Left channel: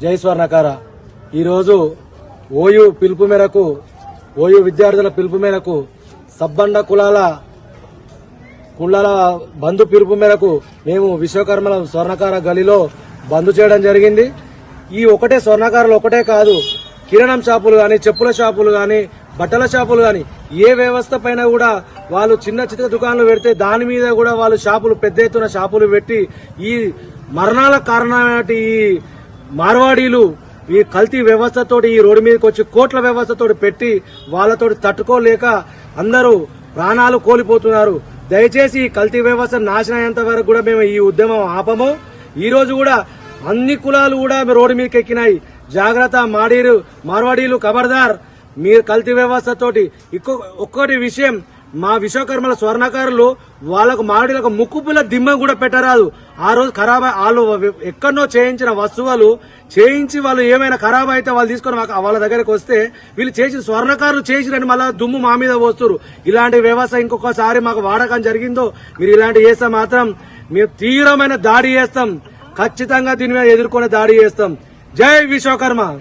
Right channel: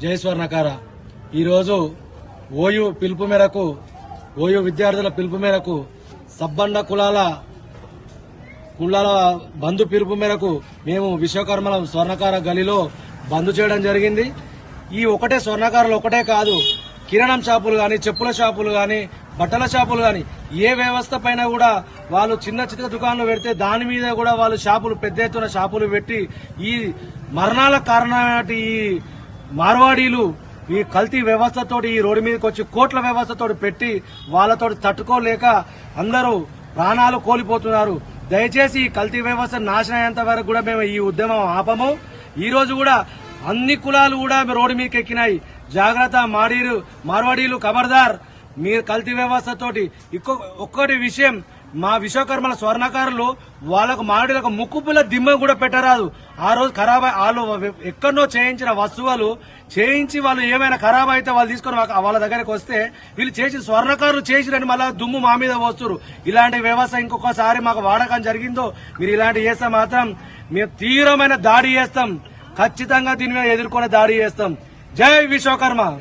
జై స్వర్ణకార. ఈరోజు ఓయు పిలుపు మేరకు ఓయు విద్యార్థుల పిలుపు మేరకు సబ్బండ కులాల కులాల బంధు పిలుపు మేరకు మేము విశ్వకర్మల స్వర్ణకార గలిలో బంద్ చేయడం జరిగింది. ఈ ఒకటే స్వర్ణకారులు ఒకటే కాదు కిరాణం షాపులు కానీ చెప్పుల షాపులు కానీ బట్టల షాపులు కానీ ఏ వ్యవస్థ పైన కూడా వాళ్ళు చిన్న చిన్న దుకాణాలు పెడితే దాని మీద కూడా వాళ్ళు షాపులు పెద్ద ఎత్తున షాపులు పెట్టి ఈ మరణాల కారణమైన ఈ మార్వాడీలు ఈ కల్తీ వ్యవస్థతోటి ఈ రోడ్డు మీదకి వచ్చి కోట్ల వ్యవస్థతో పెట్టి వాళ్ళతో తట్టుకోలేక అందరూ ప్రాణాలు కోల్పోతున్నారు. దయచేసి ఈ కల్తీ వ్యవస్థ నాశనం అయ్యేంత వరకు కూడా మేము ఈ ఉద్యమం ఆపము. ఈ రోజు కూడా అన్ని కులాలు కూడా రోడ్డు మీదకి ఎక్కినాయి. జాగ్రత్త మాడీరు మార్వాడీలు ఖబర్దార్ మీరు కల్తీ వ్యవస్థతోటి ఇంకో ఒక్కటి విషయం మా విశ్వకర్మల స్వర్ణకారులు వాళ్ళకు మాడిలకు ముక్కుపుల దిమ్మ కూడా పెట్టరాదు. ఆ రోజు ఖరాబ్ వాళ్ళు ఎక్కడనో చేయించిన వస్తువులు చేయించి వాళ్ళు ఏమైనా ఖరాబ్ అయితే వాళ్ళు తీసుకొని మాకు- వాళ్ళ దగ్గరకు వస్తే వీళ్ళు చేసిన స్వర్ణకారులు చేసిరని మళ్ళీ దుమ్ము మా మీద పోస్తున్నారు ఇలాంటి వ్యవస్థ ఇంకొకసారి మాకు వాడకం జరిగిందో మీరు ఇలాంటి చేస్తే మాత్రం మేము తీవ్రమైన దాడి చేస్తాం. ఖచ్చితంగా దీని మీద ఎదుర్కొనే దాడి చేస్తాం. జై విశ్వకర్మ.